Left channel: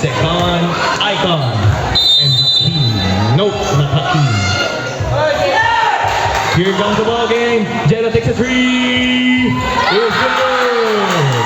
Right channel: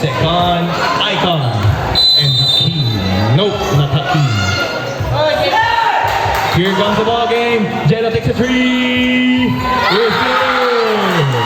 Second, Icon. And Hakeem. Nope, not Hakeem. Here comes the ball game. Jello takes a three. It's good.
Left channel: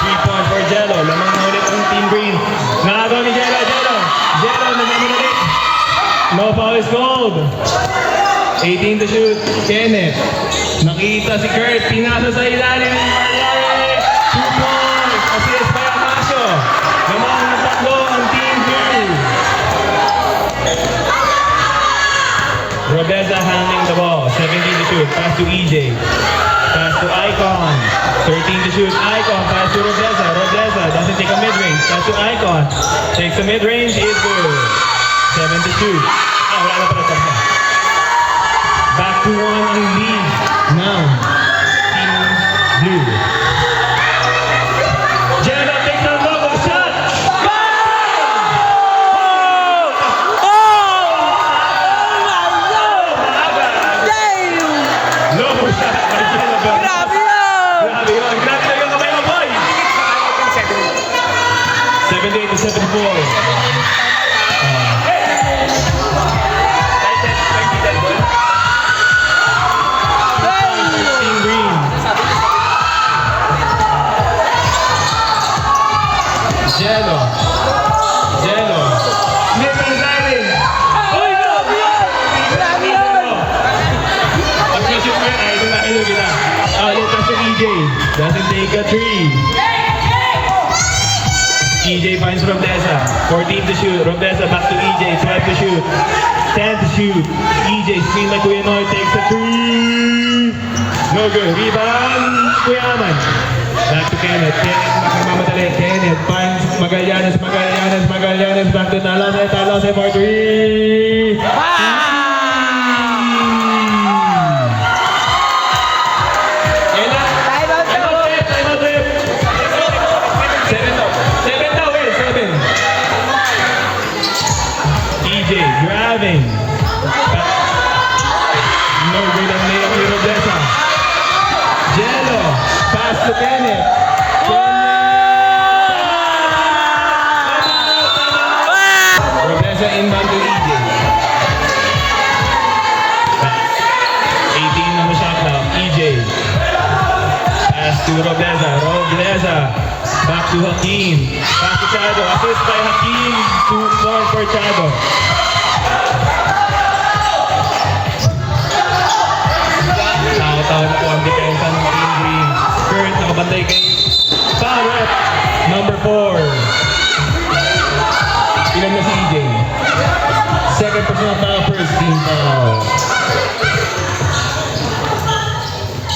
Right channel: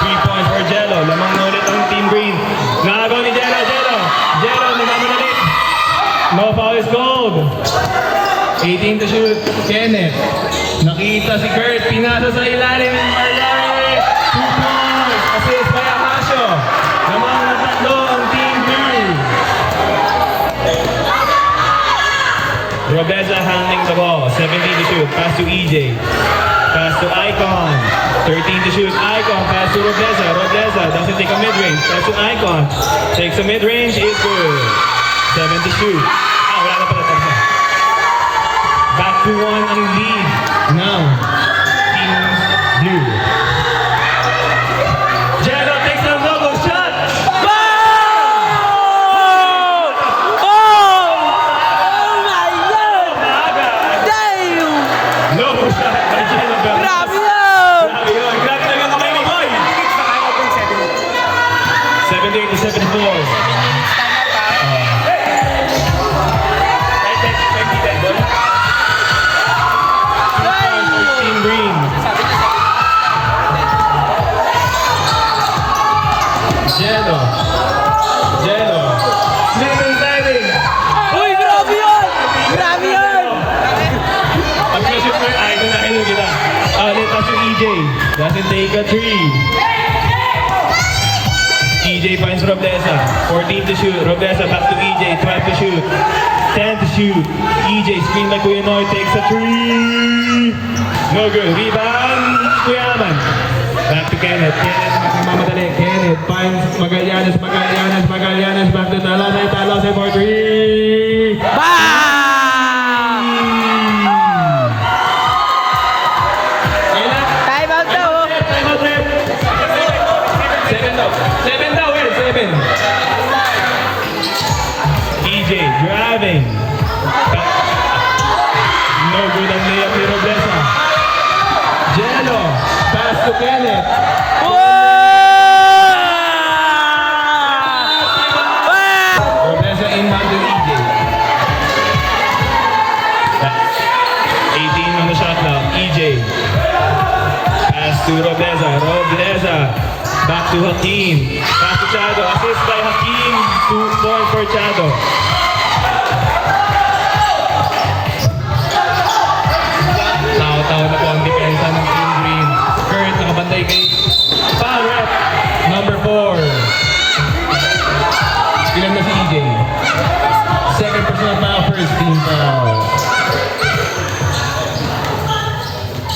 3 points for Jello. Lamang na ulit ang Team Green. Nakagawa ni Jello. Jello, nagmamadali. No foul is called. 18 to shoot. Kenneth. Nakita si Kurt. Pinasa sa ilalim. Mariare. 2 points. Assist by Akasio. Lamang na tatlo ang Team Blue. Robeza handling the ball. 17 to shoot. Pass to EJ. Pass to Icon. 13 to shoot. Icon. Pass to Robeza. Robeza doesn't take a mid-range. Pass to Icon. Takes a mid-range. Is good. 7 to shoot. Wala na pala tayo. Back to 1 ang lead. Now, Team Blue. Jello takes a no-go shot. No shot by Jello. Grabe yun. Grabe na yung kamay mo, boy. 78 to 74. Jello. Slipping diving. Uy, grabe yun. Grabe yun. Pag na-shoot mo yun, idol na kayo nila. Pass to EJ. Doesn't take a three. EJ finds Robeza. 14 to shoot. Robeza back to EJ. 12 to shoot. 10 to shoot. EJ screen like Kuya Noy takes a three. No good. Rebound. Kuya Aman. Back to Kenneth. Kenneth mamadali. Kenneth finds Magallanes. Back to Talase for three. EJ grabbing. No good ang layup ni Robeza. Jello. Pass to Kenneth. Robeza inbound to EJ. 18 on the shot now. EJ. Pass to Robeza. Back to Hakeem. Pass to Chado. Assist by Hakeem. 2 points for Chado. Tao-tao na po ang depensa ng Team Green. Kurt nakabantay kay foul rep number 4. Ilan na si EJ? Second personal foul, first team foul.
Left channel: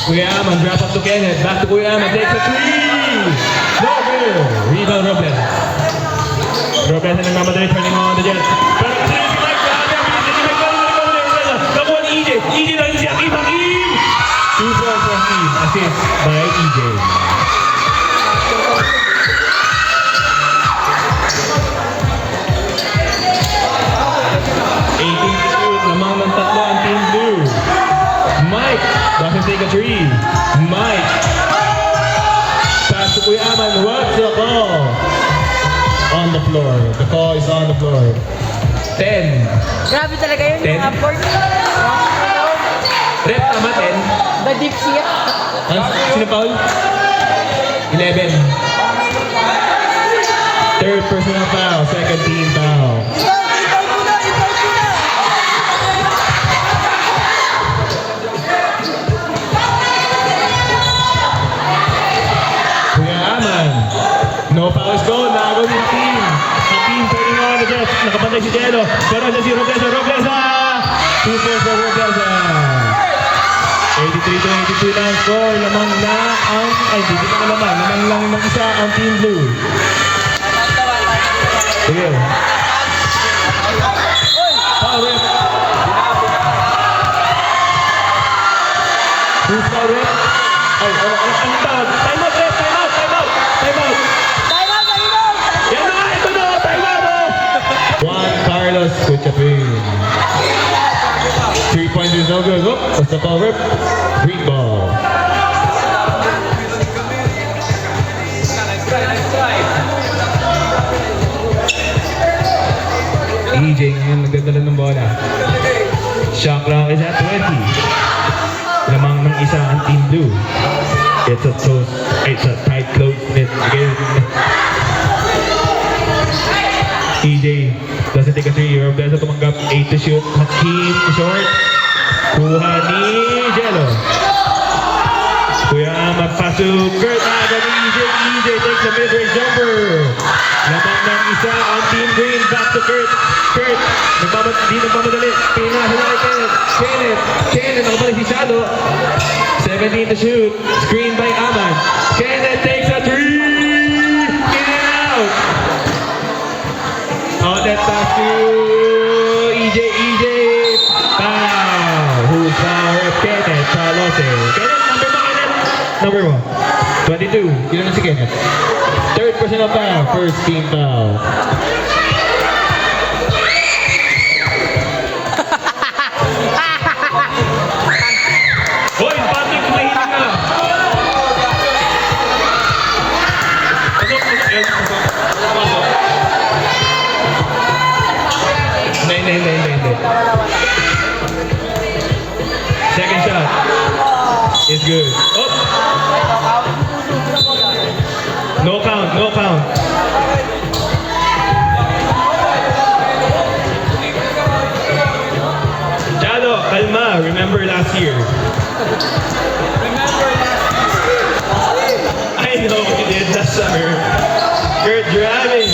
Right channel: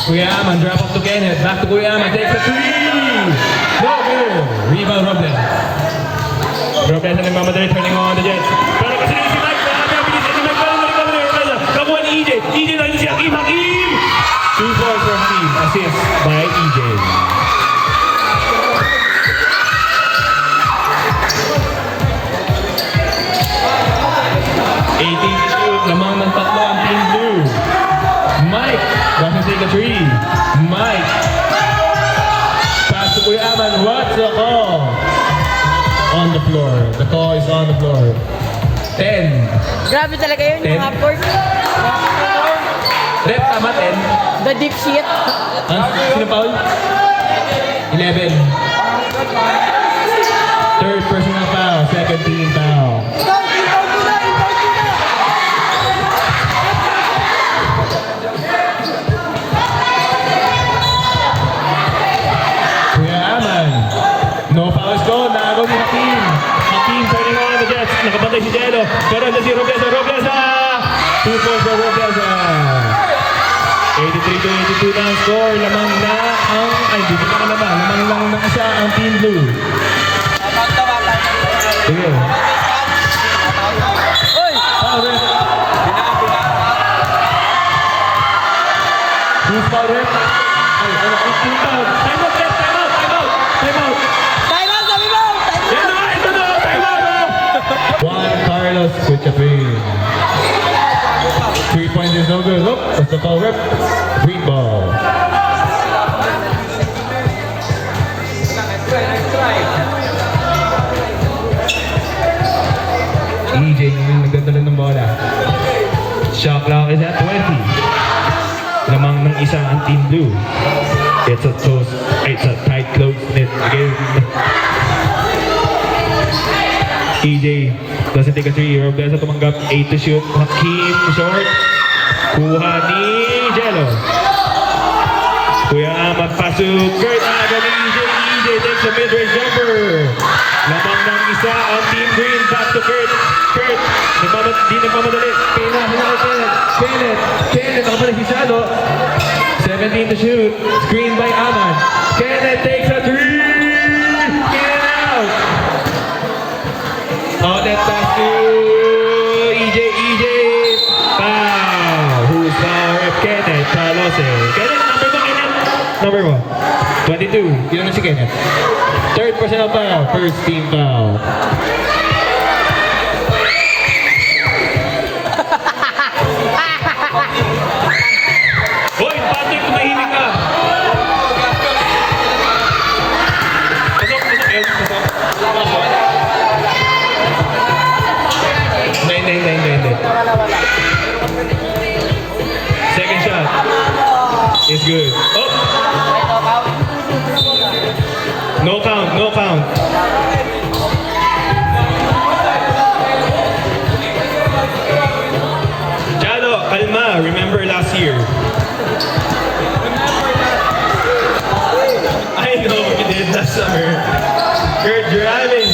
Kuya Aman, drop off to Kenneth. Back to Kuya Aman, takes a three. No good. Rebound Robles. Robles na nagmamadali, turning on the Jets. Pero kasi si Mike, nakuha ni EJ. EJ na si Hakeem. 2 points from Hakeem. Assist by EJ. Lamang ng tatlo ang Team Blue. Mike doesn't take a three. Mike. Pass to Kuya Aman. What's the call? On the floor. The call is on the floor. 10. Grabe talaga yun. 10? Yung upward. Rep, tama 10. The deep shit. Sino foul? 11. Third personal foul. Second team foul. No foul is gone. Nakagaw ni Hakeem. Hakeem turning on the Jets. Nakabantay si Jello. Pero si Robeza. 2 points for Robeza. 83-82 lang ang score. Lamang na ang... Ay, hindi pa naman. Lamang lang ng isa ang Team Blue. Sige. Foul ref. Who's foul ref? Ay, ang tawag. Time out. Juan Carlos with the pin. 3 points is no good. What's the call, rep? Free ball. Shot clock is at 20. Lamang ng isa ang Team Blue. It's a tight close knit game. EJ doesn't take a three. Robesa tumanggap 8 to shoot. Hakim short. Kuha ni Jello. Kuya Amat pass to Kurt. Aga ni EJ. EJ takes a mid-range jumper. Lamang ng isa on Team Green. Back to Kurt. Kurt. Di nagmamadali. Pinasa na Kenneth. Kenneth. Nakabalik si Shadow. 17 to shoot. Screen by Aman. Kenneth takes a three. Get it out. On that pass to EJ. Foul. Who's foul? Kenneth. Carlose. Kenneth, number ba Kenneth? Number 1. 22. Yun naman si Kenneth. Third personal foul. First team foul. Hoy, pati kumahilig na. Hindi. Second shot. It's good. Oh! No count. Jalo, kalma. Remember last year. I know we did last summer. You're driving.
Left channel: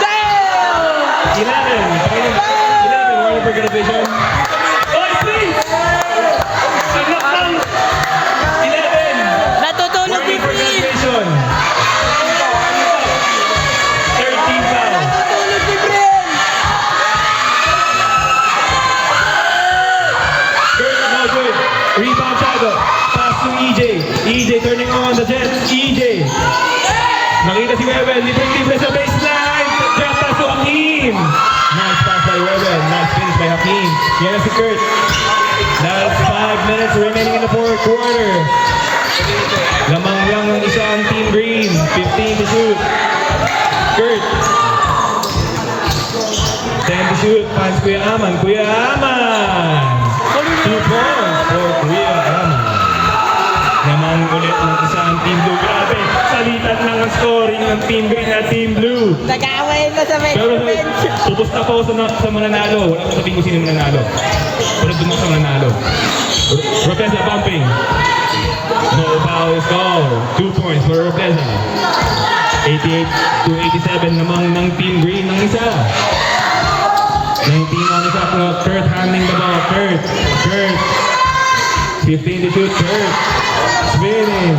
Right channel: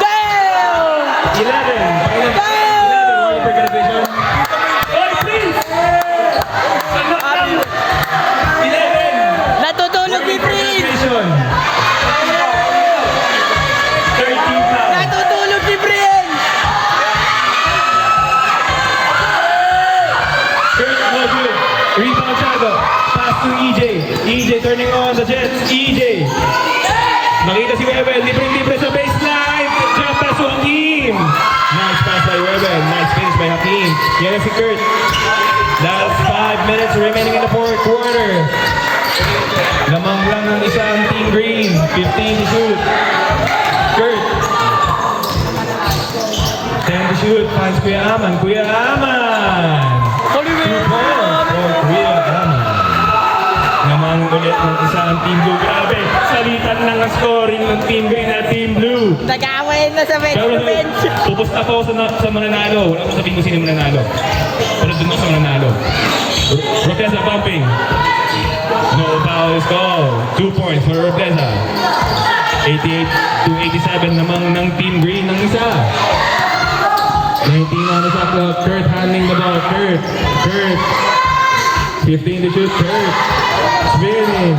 Damn! 11, warning for television. Oy, please! Saglit lang! 11! Natutulog si Warning for Prince! television. 13 foul. Natutulog si Prince! Kurt, no good. Rebound Shadow. Pass to EJ. EJ turning on the Jets. EJ. Nakita si Rebel. Libre sa baseline. Drop pass to Hakim. Nice pass by Rebel. Nice finish by Hakim. Yan na si Kurt. Last 5 minutes remaining in the fourth quarter. Lamang lang ng isang Team Green. 15 to shoot. Kurt. 10 to shoot. Finds Kuya Aman. 2 points for Kuya Aman. Namang ulit ng isang Team Blue. Grabe, salitan lang ang scoring ng Team Green at Team Blue. Nag-aaway na sa Pero bench. pupusta po sa mananalo. Wala ko sabihin kung sino mananalo. Pero dun sa mananalo. Ropeza pumping. No fouls call. 2 points for Ropeza. 88 to 87 namang ng Team Green ng isa. 19 on the shot clock. Kurt handling the ball. Kurt. 15 to shoot. Kurt. Spinning.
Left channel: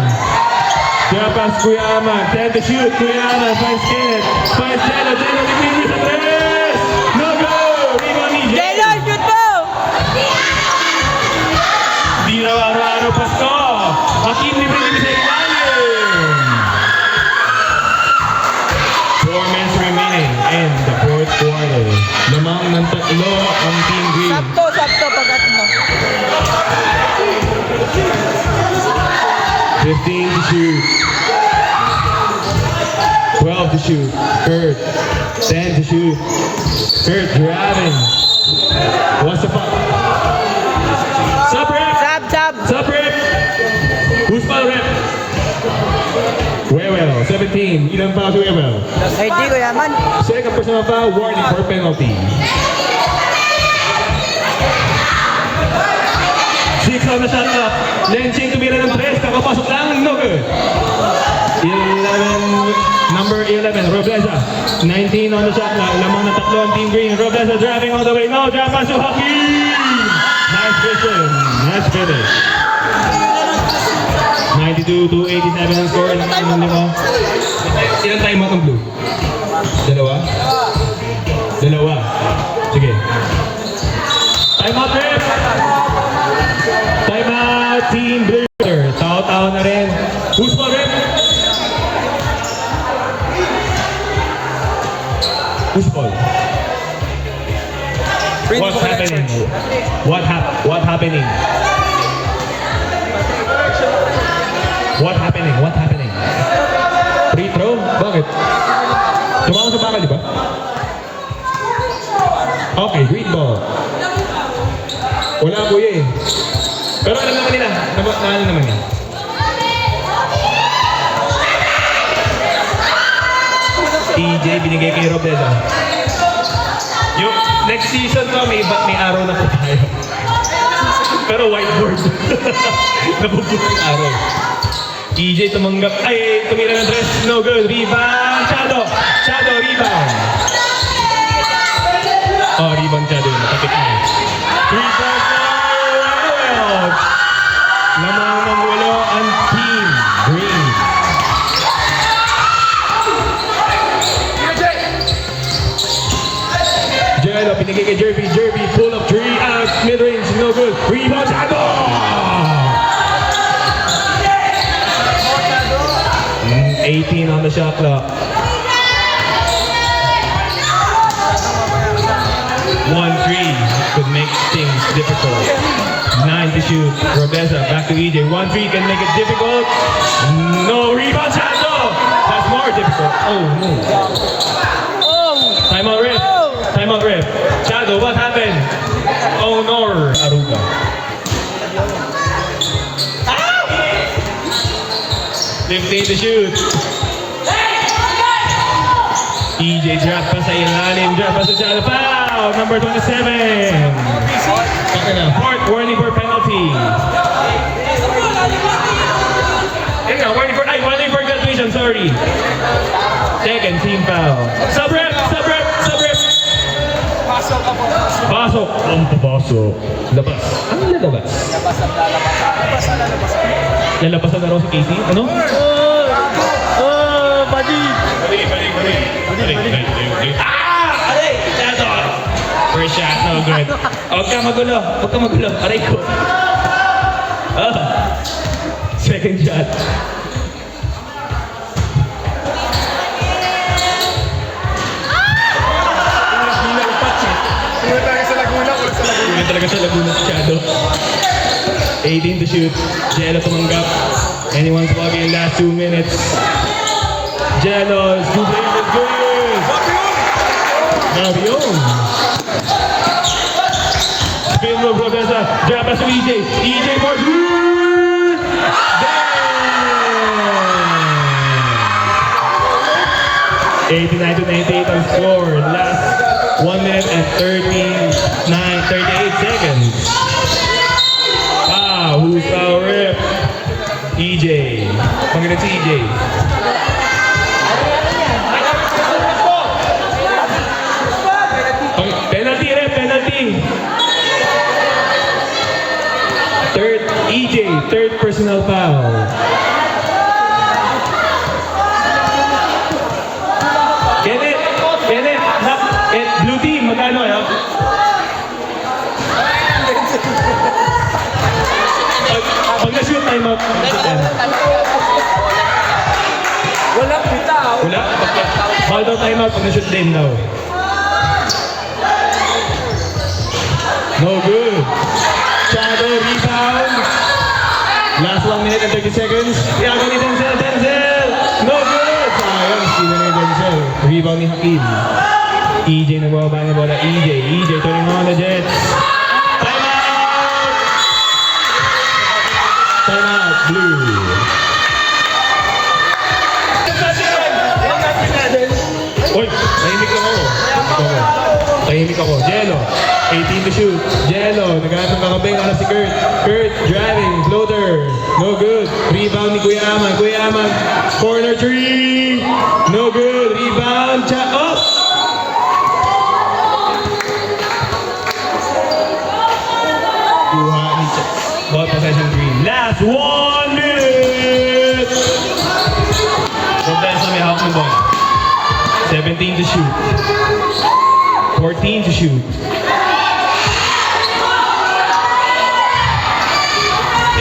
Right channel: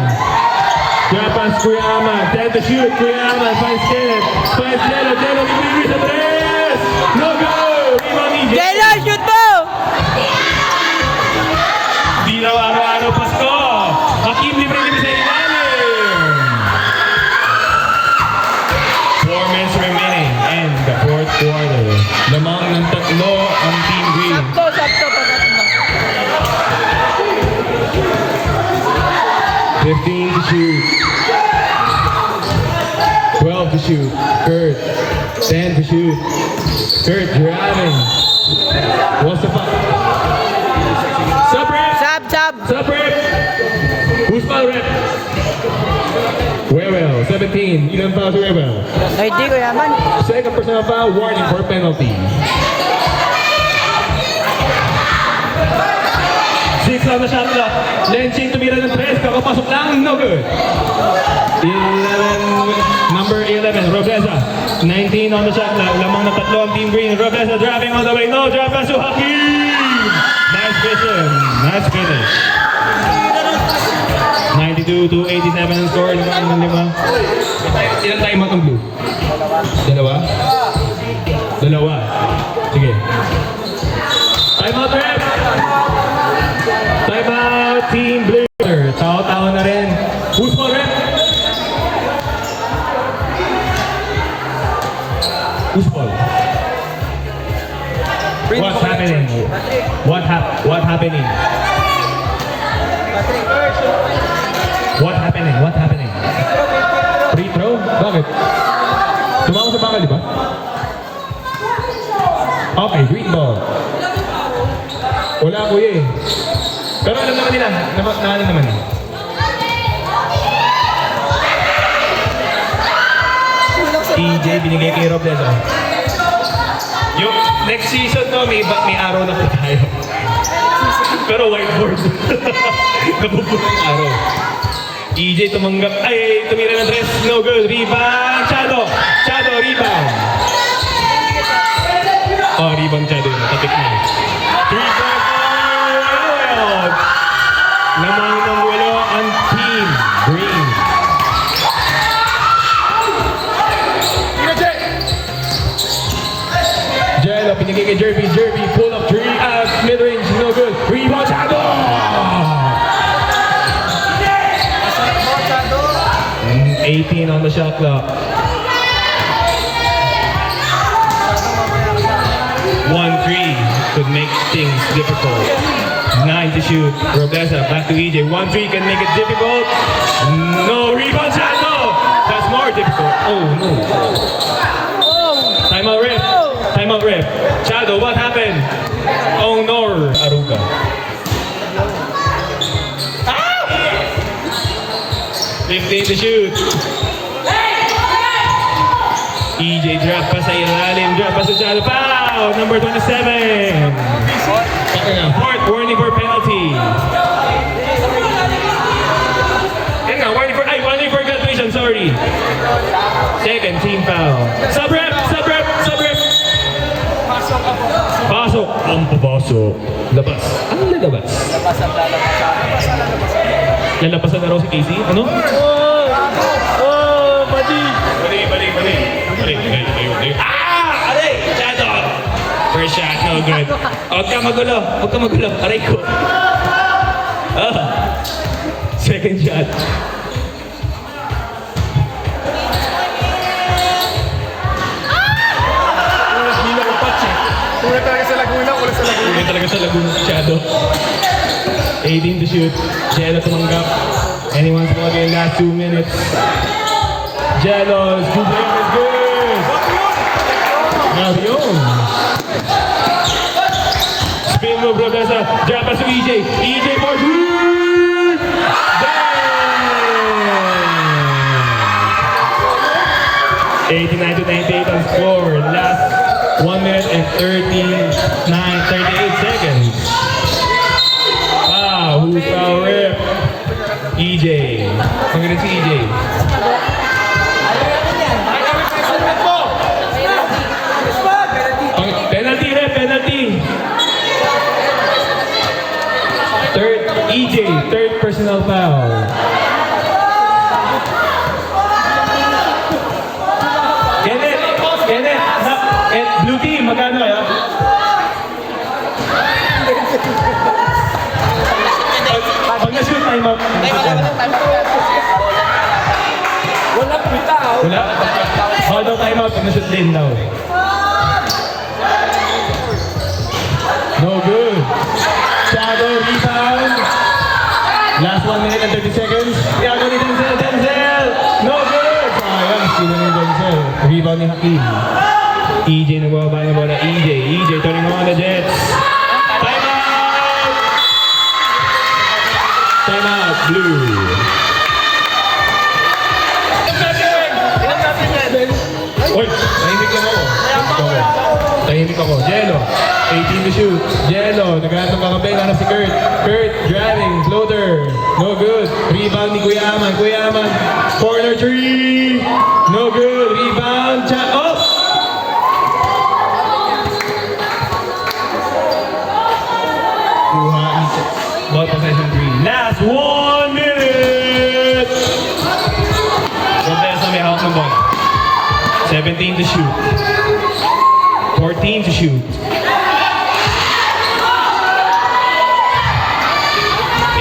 Kaya pass Kuya Aman. 10 to shoot. Kuya Aman finds Kenneth. Finds Jello. Jello libre sa tres. No go. Rebound ni Jello, shoot to! Di raw araw-araw pasto. Hakim libre sa ilalim. 4 minutes remaining in the fourth quarter. Lamang ng tatlo ang Team Green. Sakto, pagkat mo. 15 to shoot. 12 to shoot. Kurt. 10 to shoot. Kurt driving. What's the foul? Sub rep. Sub rep. Who's foul rep? Wewell. 17. Ilang foul to Wewell? 30 ko yaman. Second personal foul. Warning for penalty. 6 on the shot clock. Lenching tumira ng 3. Kakapasok lang. No good. 11. Number 11. Robleza. 19 on the shot clock. Lamang na tatlo ang Team Green. Robleza driving all the way. No. Drop pass to Hakim. Nice vision. Nice finish. 92 to 87 ang score ng lima. Ilan time out ng Blue? Dalawa? Sige. Time out ref! Time out Team Blue. Tao-tao na rin. Who's for ref? Who's for? What's happening? What happening? What happening? Free throw? Bakit? Tumama sa bakal, di ba? Okay, green ball. Wala kuya eh. Pero alam naman nila. Naalam naman eh. EJ binigay kay Robledo. Yung next season to, may araw na po tayo. Pero whiteboard. Nabubuto yung araw. EJ tumanggap. Ay, tumira ng dress. No good. Rebound. Shadow, rebound. Oh, rebound Shadow. Natatik na. 3-point out. Lamang ng walo ang team green. Jello, pinigay kay Jerby. Pull up 3 out. Mid-range. No good. Rebound Shadow. 18 on the shot clock. 1-3 could make things difficult. 9 to shoot. Robesa back to EJ. 1-3 can make it difficult. No rebound shot. No. That's more difficult. Oh no. Timeout ref. Shadow, what happened? Oh no. Aruga. Ah! 15 to shoot. EJ drop pa sa ilalim. Drop pa sa Shadow. Foul. Number 27. Fourth warning for penalty. Warning for graduation, sorry. Second team foul. Sub-rep. Pasok. Ang papasok. Labas. Ang lalabas. Lalabasan na raw si Casey. Ano? Mali. Ah! Aray! Shadow! First shot, no good. Huwag ka magulo. Aray ko. Second shot. Tingnan talaga sa Laguna si Shadow. 18 to shoot. Jello tumanggap. Anyone's ball game last 2 minutes. Jello's good game is good. Grabe yun. Spin move, Robesa. Drop us to EJ. EJ for 89 to 98 on score. Last 1 minute and 38 seconds. Wow, who's the rip? EJ. Panginoon si EJ. Penalty. Third personal foul. Kenneth, blue team, magkano ya? Pag na-shoot, time out. Wala bitaw. Wala? Hold out, time out pag na-shoot din daw. No good. Shadow rebound. Last 1 minute and 30 seconds. Iago ni Denzel. No good. Sayang, sino ni Denzel. Rebound ni Hakim. EJ nagbababa ng bola. EJ turning on the Jets. Time out, blue. Oy, tahimik ako. Jello, 18 to shoot. Jello, naghahanap ng kakabay. Hanap si Kurt. Kurt, driving, floater. No good. Rebound ni Kuya Aman. Corner 3. No good. Rebound. Shot up. Kuha ni ball possession 3. Last 1 minute. Robesa may hawak ng ball. 17 to shoot. 14 to shoot.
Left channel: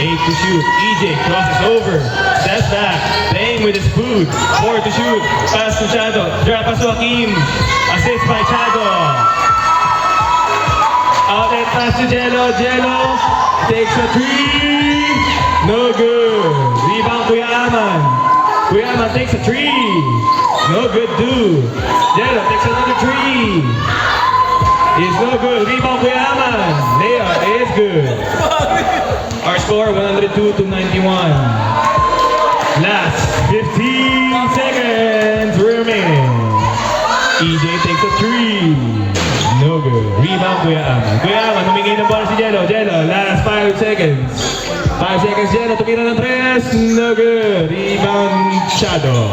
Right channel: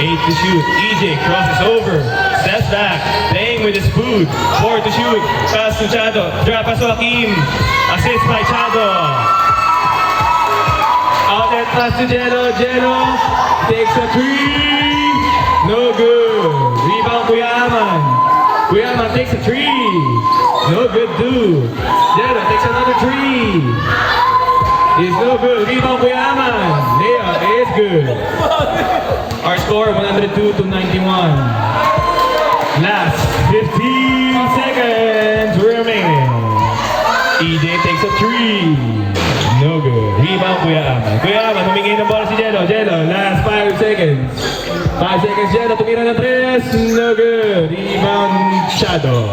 8 to shoot. EJ crosses over. Steps back. Playing with his foot. 4 to shoot. Pass to Shadow. Drop pass to Hakim. Assist by Shadow. Outlet pass to Jello. Jello takes a 3. No good. Rebound Kuya Aman. Kuya Aman takes a 3. No good, too. Jello takes another 3. is no good. Rebound Kuya Aman. Layup is good. Our score 102 to 91. Last 15 seconds remaining. EJ takes a 3. No good. Rebound Kuya Aman. Kuya Aman, humingi ng bola si Jello. Jello, last 5 seconds. 5 seconds, Jello. Tumira ng 3. No good. Rebound Shadow.